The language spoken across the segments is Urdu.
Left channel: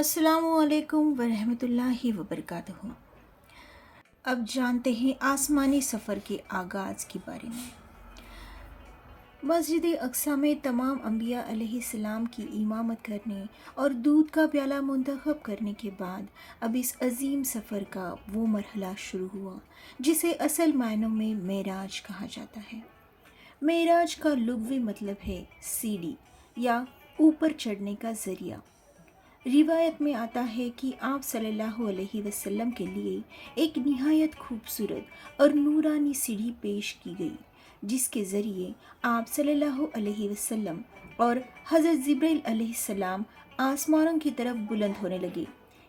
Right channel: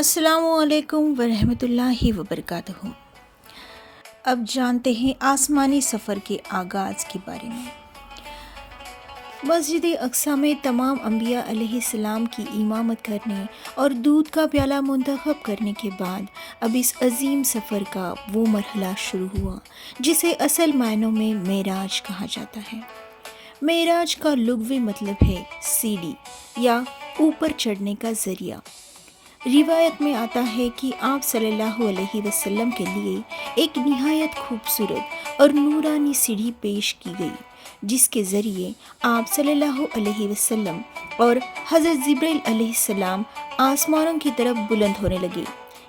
السلام علیکم ورحمۃ اللہ وبرکاتہ۔ اب جانتے ہیں آسمانی سفر کے آغاز کے بارے میں۔ مسجد اقصیٰ میں تمام انبیاء علیہ السلام کی امامت کرنے اور دودھ کا پیالہ منتخب کرنے کے بعد اب اس عظیم سفر کا وہ مرحلہ شروع ہوا جسے اصل معنوں میں معراج کہا جاتا ہے۔ معراج کا لغوی مطلب ہے سیڑھی یا اوپر چڑھنے کا ذریعہ۔ روایت میں آتا ہے کہ آپ صلی اللہ علیہ وسلم کے لیے ایک نہایت خوبصورت اور نورانی سیڑھی پیش کی گئی جس کے ذریعے آپ صلی اللہ علیہ وسلم اور حضرت جبرائیل علیہ السلام آسمانوں کی طرف بلند ہونے لگے۔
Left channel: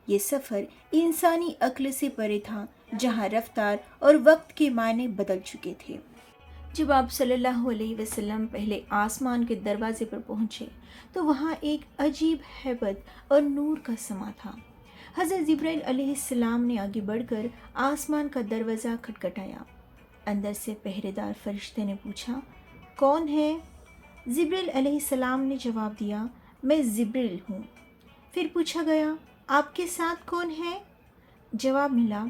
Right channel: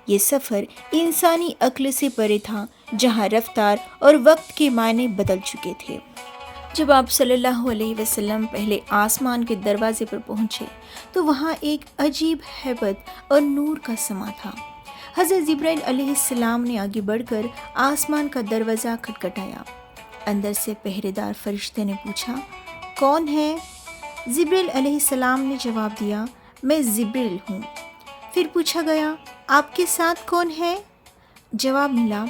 یہ سفر انسانی عقل سے پرے تھا، جہاں رفتار اور وقت کے معنی بدل چکے تھے۔ جب آپ صلی اللہ علیہ وسلم پہلے آسمان کے دروازے پر پہنچے تو وہاں ایک عجیب ہیبت اور نور کا سما تھا۔ حضرت جبرائیل علیہ السلام نے آگے بڑھ کر آسمان کا دروازہ کھٹکھٹایا۔ اندر سے پہرے دار فرشتے نے پوچھا، کون ہے؟ جبرائیل علیہ السلام نے جواب دیا، میں جبرائیل ہوں۔ پھر پوچھا گیا، آپ کے ساتھ کون ہے؟ جواب ملا،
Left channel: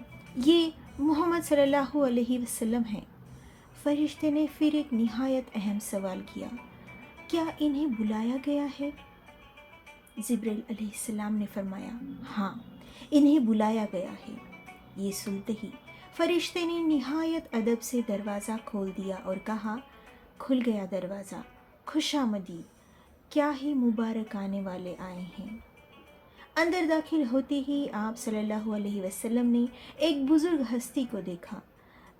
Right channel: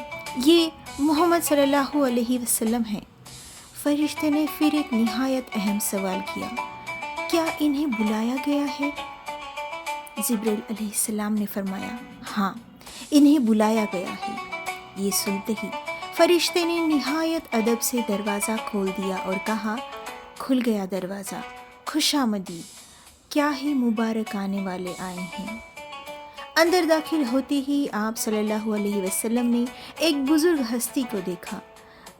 یہ محمد صلی اللہ علیہ وسلم ہے۔ فرشتے نے پھر ایک نہایت اہم سوال کیا، کیا انہیں بلایا گیا ہے؟ جبرائیل علیہ السلام نے فرمایا، ہاں، انہیں بلایا گیا ہے۔ یہ سنتے ہی فرشتے نے نہایت ادب سے دروازہ کھول دیا اور کہا، کھل گیا دروازہ، خوش آمدید، کیا ہی مبارک آنے والے آئے ہیں۔ اندر داخل ہوتے ہی آپ صلی اللہ علیہ وسلم نے ایک بزرگ ہستی کو دیکھا۔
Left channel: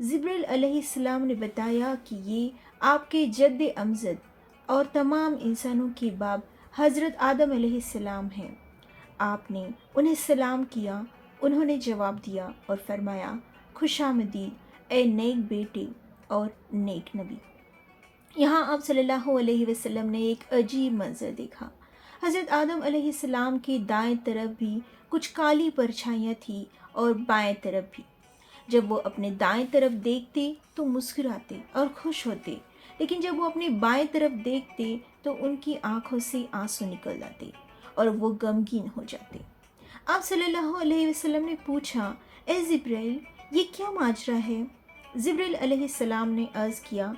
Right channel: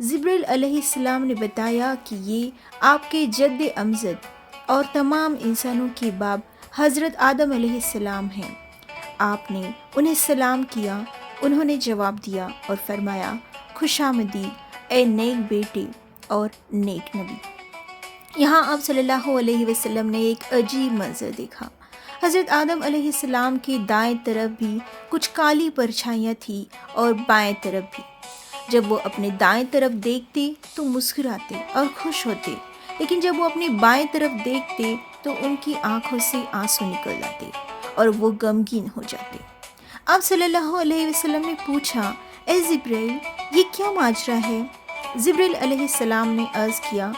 جبرائیل علیہ السلام نے بتایا کہ یہ آپ کے جد امجد اور تمام انسانوں کے باپ حضرت آدم علیہ السلام ہیں۔ آپ نے انہیں سلام کیا، انہوں نے جواب دیا اور فرمایا، خوش آمدید اے نیک بیٹے اور نیک نبی۔ یہاں آپ صلی اللہ علیہ وسلم نے ایک عجیب منظر دیکھا۔ حضرت آدم علیہ السلام کی دائیں طرف بھی کچھ کالی پرچھائیاں تھیں اور بائیں طرف بھی۔ جب وہ اپنے دائیں طرف دیکھتے تو مسکراتے اور خوش ہوتے، لیکن جب وہ اپنے بائیں طرف دیکھتے تو ان کی آنکھوں سے آنسو نکل آتے اور وہ غمگین ہو جاتے۔ آپ صلی اللہ علیہ وسلم نے پوچھا، اے جبرائیل، یہ کیا ماجرا ہے؟ جبرائیل علیہ السلام نے عرض کیا،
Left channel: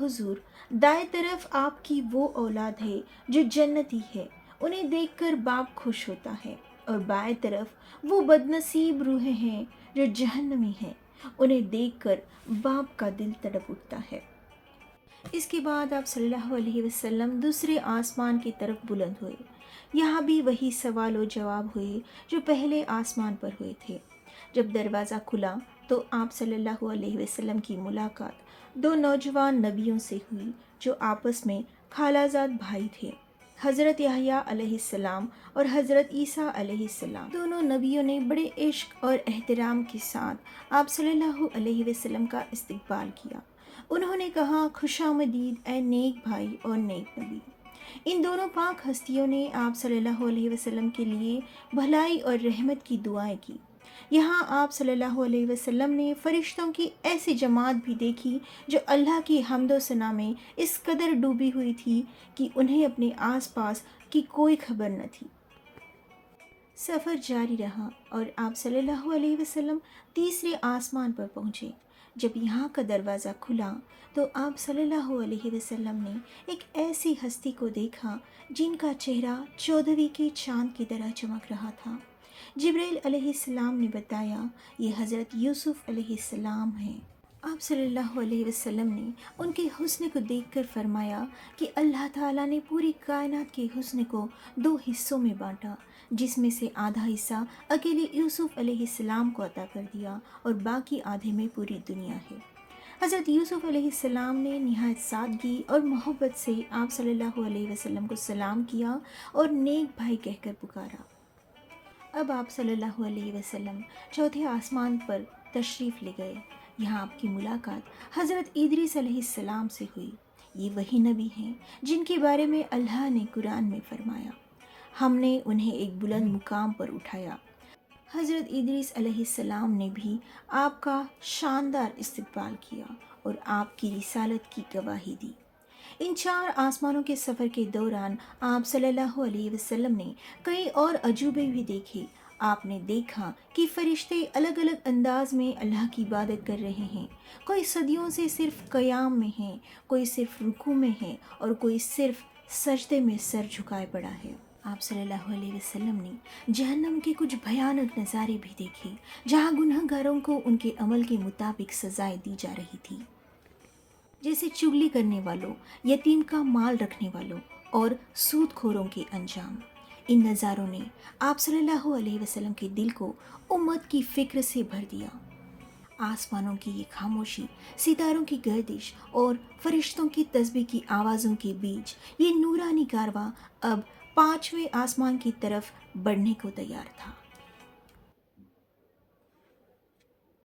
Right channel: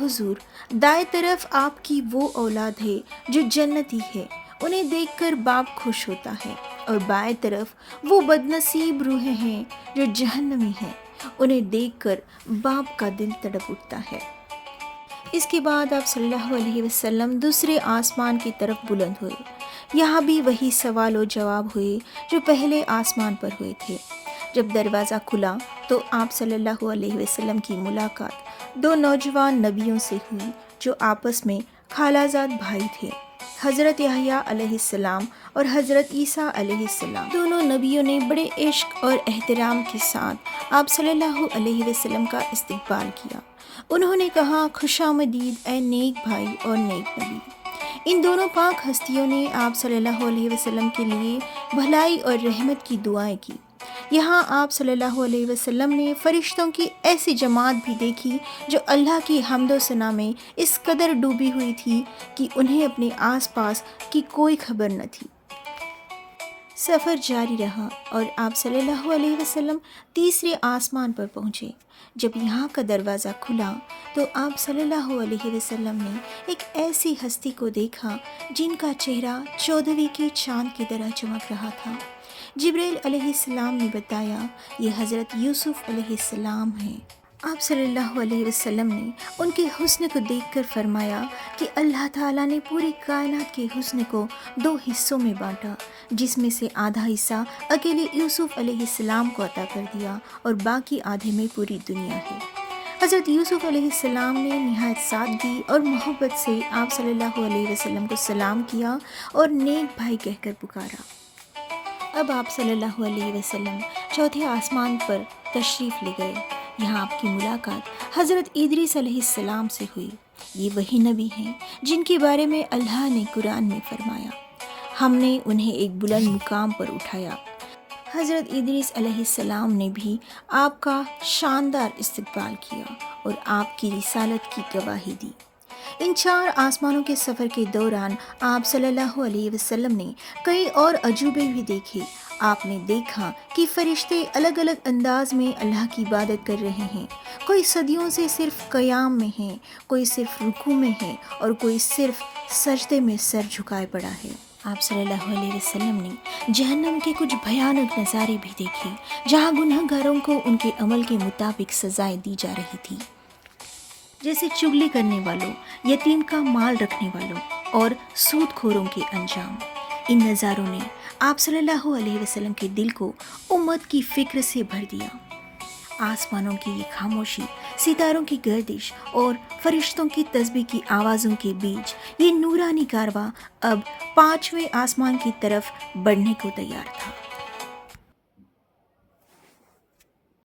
حضور، دائیں طرف آپ کی وہ اولاد ہے جو جنتی ہے، انہیں دیکھ کر باپ خوش ہوتا ہے، اور بائیں طرف وہ بدنصیب روحیں ہیں جو جہنمی ہیں، انہیں دیکھ کر باپ کا دل تڑپ اٹھتا ہے۔ اس کے بعد آپ صلی اللہ علیہ وسلم دوسرے آسمان کی طرف بلند ہوئے۔ یہاں بھی وہی سوال و جواب ہوئے جو پہلے آسمان پر ہوئے تھے۔ جب دروازہ کھلا تو آپ صلی اللہ علیہ وسلم کی ملاقات دو نوجوان نبیوں سے ہوئی جو آپس میں خالہ زاد بھائی تھے، حضرت یحییٰ علیہ السلام اور حضرت عیسیٰ علیہ السلام۔ دونوں نبیوں نے بڑے عشق اور احترام کے ساتھ آپ صلی اللہ علیہ وسلم کا استقبال کیا۔ انہوں نے کہا، خوش آمدید اے نیک بھائی اور نیک نبی۔ ان دونوں پاک ہستیوں نے آپ صلی اللہ علیہ وسلم کے لیے بھلائی اور رحمت کی دعائیں کی۔ یہاں آپ صلی اللہ علیہ وسلم نے فرشتوں کی ایسی جماعت بھی دیکھی جو اللہ کی حمد و ثنا میں اس قدر ڈوبی ہوئی تھی کہ انہیں اپنے آس پاس کی کوئی خبر نہ تھی۔ سفر جاری رہا اور آپ صلی اللہ علیہ وسلم تیسرے آسمان پر پہنچے۔ جب یہاں کا دروازہ کھلا تو آپ صلی اللہ علیہ وسلم نے ایک ایسی ہستی کو دیکھا جن کا چہرہ 14ویں کے چاند کی طرح چمک رہا تھا۔ جبرائیل علیہ السلام نے بتایا، یہ حضرت یوسف علیہ السلام ہیں۔ آپ صلی اللہ علیہ وسلم نے ان کے حسن کو دیکھ کر فرمایا کہ اللہ تعالیٰ نے پوری کائنات کے حسن کو 2 حصوں میں بانٹا، جس میں سے آدھا حصہ اکیلے یوسف علیہ السلام کو عطا کر دیا اور باقی آدھے میں پوری دنیا ہے۔ حضرت یوسف علیہ السلام نے نہایت سادگی اور محبت سے آپ صلی اللہ علیہ وسلم کو سلام کیا اور نیک بھائی کہہ کر پکارا۔ اب آپ صلی اللہ علیہ وسلم چوتھے آسمان پر تشریف لے گئے۔ یہاں آپ کی ملاقات حضرت ادریس علیہ السلام سے ہوئی۔ یہ وہی نبی ہیں جن کے بارے میں اللہ نے قرآن میں فرمایا، ہم نے انہیں ایک بلند مقام پر اٹھایا۔ حضرت ادریس علیہ السلام نے بھی آپ کا شاندار استقبال کیا اور آپ کی رسالت کی گواہی دی۔ ان 4 آسمانوں کے سفر کے دوران آپ صلی اللہ علیہ وسلم نے کئی اور عجوبے بھی دیکھے۔ آپ نے دیکھا کہ فرشتے الگ الگ انداز میں اللہ کی عبادت کر رہے ہیں۔ کوئی صدیوں سے صرف قیام میں ہے، کوئی صرف رکوع میں ہے اور کوئی صرف سجدے میں سر جھکائے پڑا ہے۔ آپ صلی اللہ علیہ وسلم نے جہنم کے کچھ بھیانک نظارے بھی دیکھے، جہاں گناہ گاروں کو ان کے عمل کے مطابق سزائیں دی جا رہی تھی، جیسے چغلی کرنے والوں، یتیم کا مال رکھنے والوں اور سود کھوروں کے انجام۔ ان نظاروں نے آپ صلی اللہ علیہ وسلم کے دل کو امت کی فکر سے بھر دیا۔ آسمانوں کی یہ خاموشی، ستاروں کی گردش اور فرشتوں کی تسبیح کی آوازوں کے بیچ یہ نورانی کارواں اب 5ویں آسمان کی طرف بڑھنے کو تیار تھا۔